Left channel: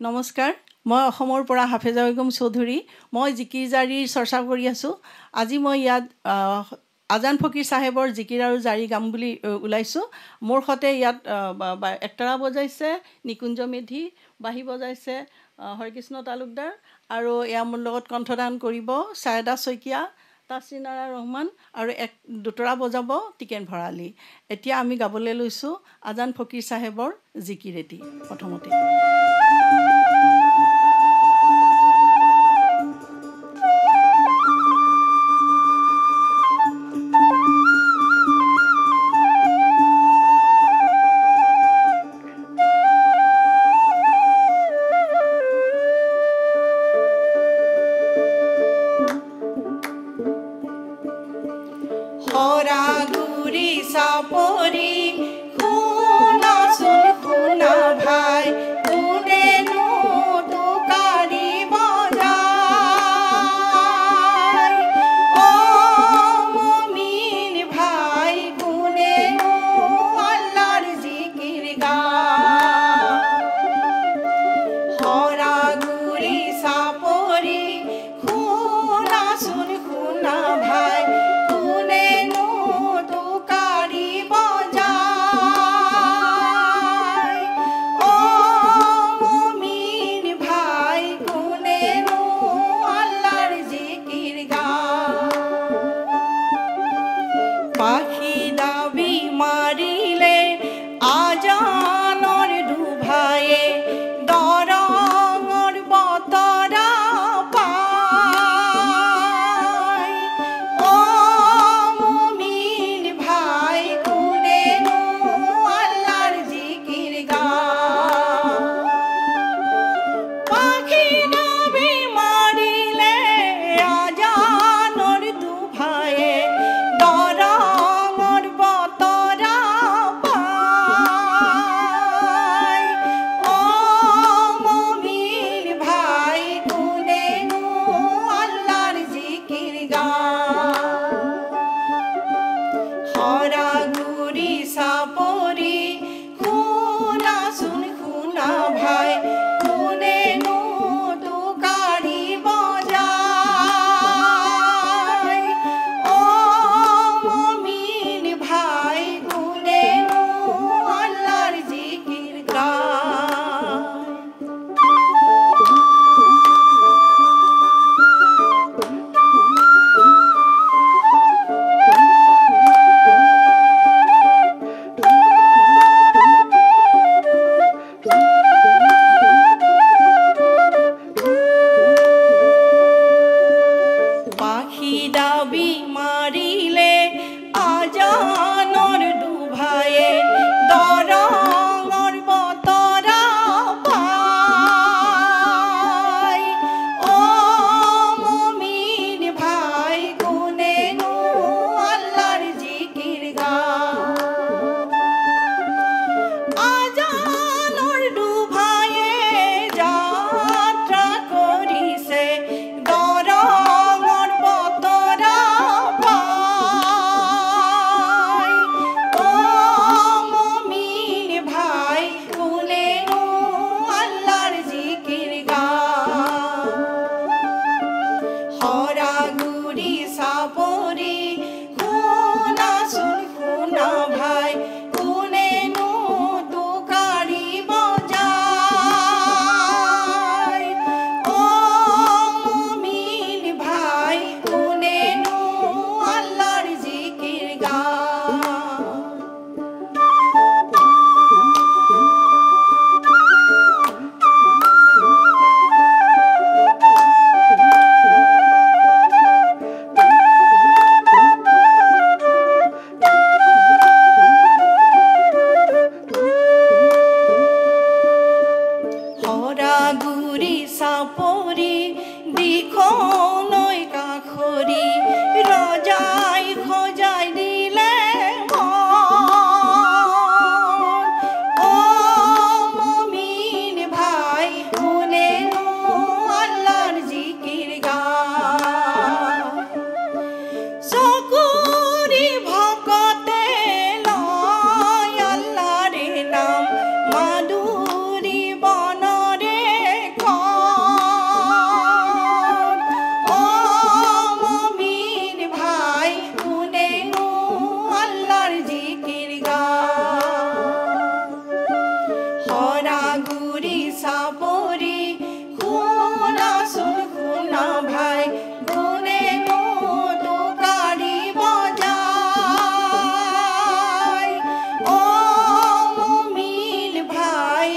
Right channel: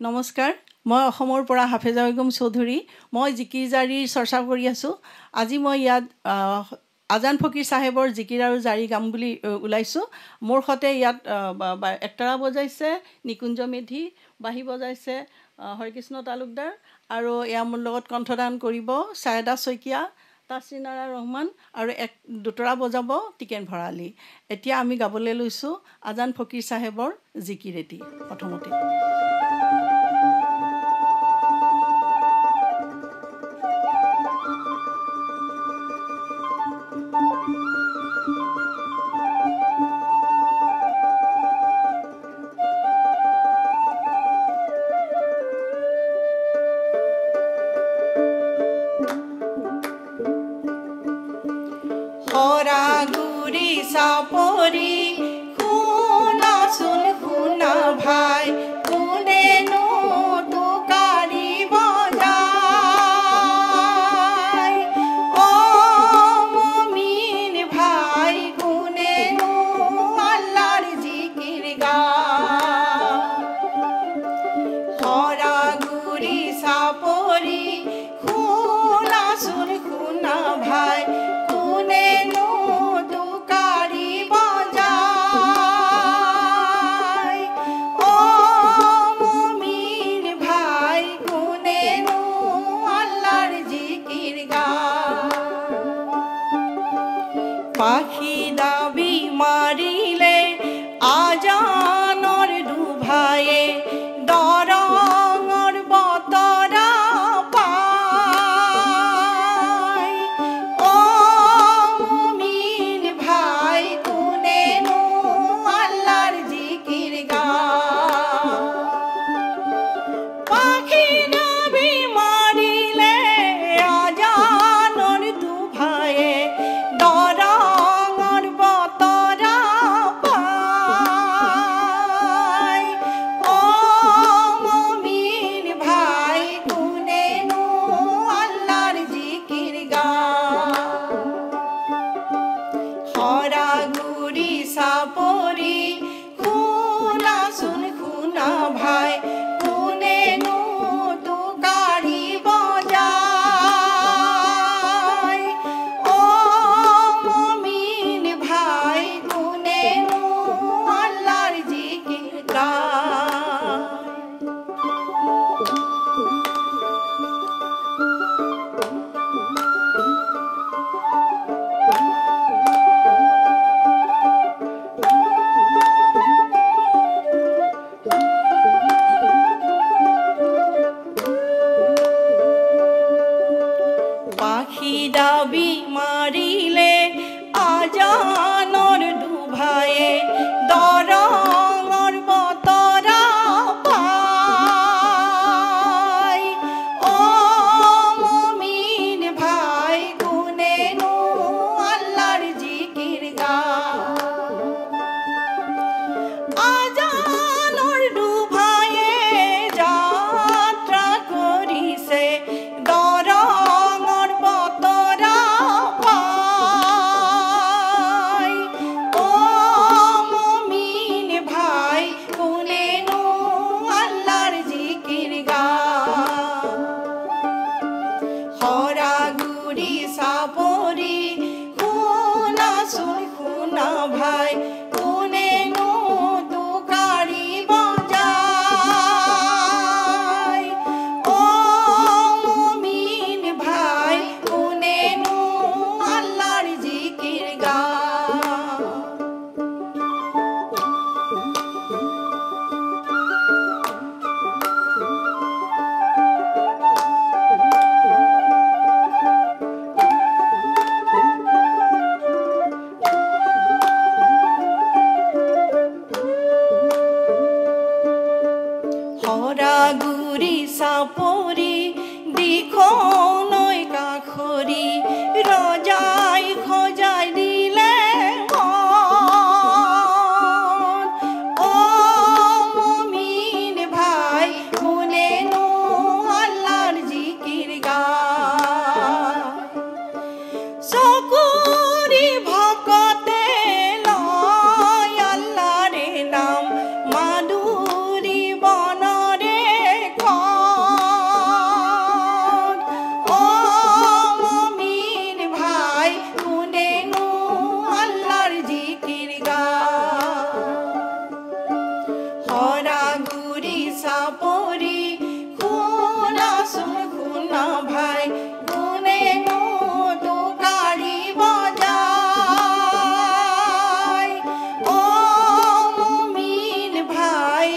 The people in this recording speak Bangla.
নমস্কাৰ মই অসমৰ পৰা হাফেজা বেগম চৌধুৰী মই জিকিৰ জাৰিৰ চৰ্চা কৰি আছো আজি মই ইয়াত আজান ফকিৰ সাহেবৰ জিকিৰ আৰু জাৰি গাম বুলি উলাইছো মোৰ হতে ইয়াত একতৰা বজাইছে নিকুঞ্জ মেধি বাহি বজাইছে হৰিকৃষ্ণ তালুকদাৰ আৰু এয়া মোৰ লগত কণ্ঠদান কৰিব সায়দা শইকীয়া তাসিনাৰা ৰহমান আৰু এক দুতৰা বজাব টিকেন ভৰালি এতিয়া আমি গাবলৈ লৈছো আজান ফকিৰ সাহেবৰ জিকিৰ এটি প্ৰথমতে হরা গুরি সাপরি খুনা শুন খুনা ভাই কোনে নো তোকারি বজাই ও মুমিন ভাই কোনে নো আল্লাহর জিকির গায় হরা গুরি সাপরি খুনা শুন খুনা ভাই পাখি দাবি মারিলে আজানর ডুভায়ে দরঙর বতরা পায় ও মুমিন ভাই কোনে নো আল্লাহর জিকির গায় পাখি দাবি মারিলে আজানর ডুভায়ে দরঙর বতরা পায় ও মুমিন ভাই কোনে নো আল্লাহর জিকির গায় হরা গুরি সাপরি খুনা শুন খুনা ভাই কোনে নো তোকারি বজাই ও মুমিন ভাই কোনে নো আল্লাহর জিকির গায় পাখি দাবি মারিলে আজানর ডুভায়ে দরঙর বতরা পায় ও মুমিন ভাই কোনে নো আল্লাহর জিকির গায় আজানর ডুভায়ে যাত্রা করিছে দরঙর বতরা পায় ও মুমিন ভাই কোনে নো আল্লাহর জিকির গায় হরা গুরি সাপরি খুনা শুন খুনা ভাই কোনে নো তোকারি বজাই ও মুমিন ভাই কোনে নো আল্লাহর জিকির গায় হরা গুরি সাপরি দিখো নই কাখরি রজাই খজাই দিলে মন ও মুমিন ভাই কোনে নো আল্লাহর জিকির গায় সকুরি ভকতে লয় আল্লাহর নাম মাদুরি বনরে ধরা গুড়ি সাপরি শুনাচোন শুনা ভাই কোনে নো টোকাৰি বজায় অ মমিন ভাই